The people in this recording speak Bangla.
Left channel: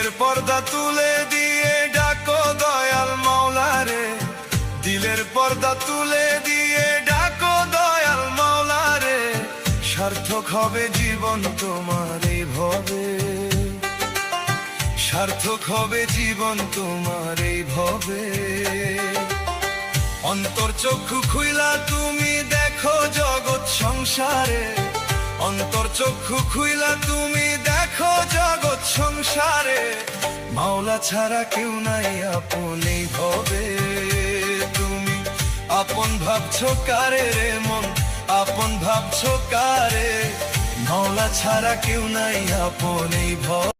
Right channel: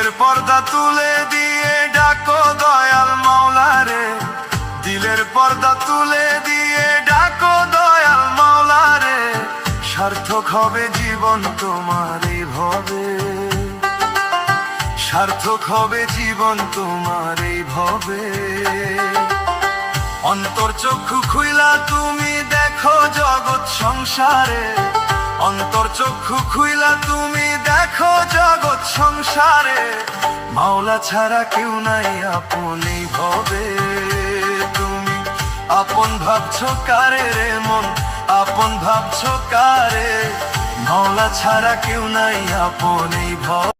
দিলের পর্দা তুলে দিয়ে ডাকো দয়াল মাওলারে, দিলের পর্দা তুলে দিয়ে ডাকো দয়াল মাওলারে। সার্থক হবে জীবন তোমার এই ভবে, সার্থক হবে জীবন তোমার এই ভবে। অন্তর চক্ষু খুইলা তুমি দেখো জগৎ সংসারে, অন্তর চক্ষু খুইলা তুমি দেখো জগৎ সংসারে। মাওলা ছাড়া কেউ নাই আপন এই ভবে, তুমি আপন ভাবছো কারে রে মন, আপন ভাবছো কারে। মাওলা ছাড়া কেউ নাই আপন এই ভবে।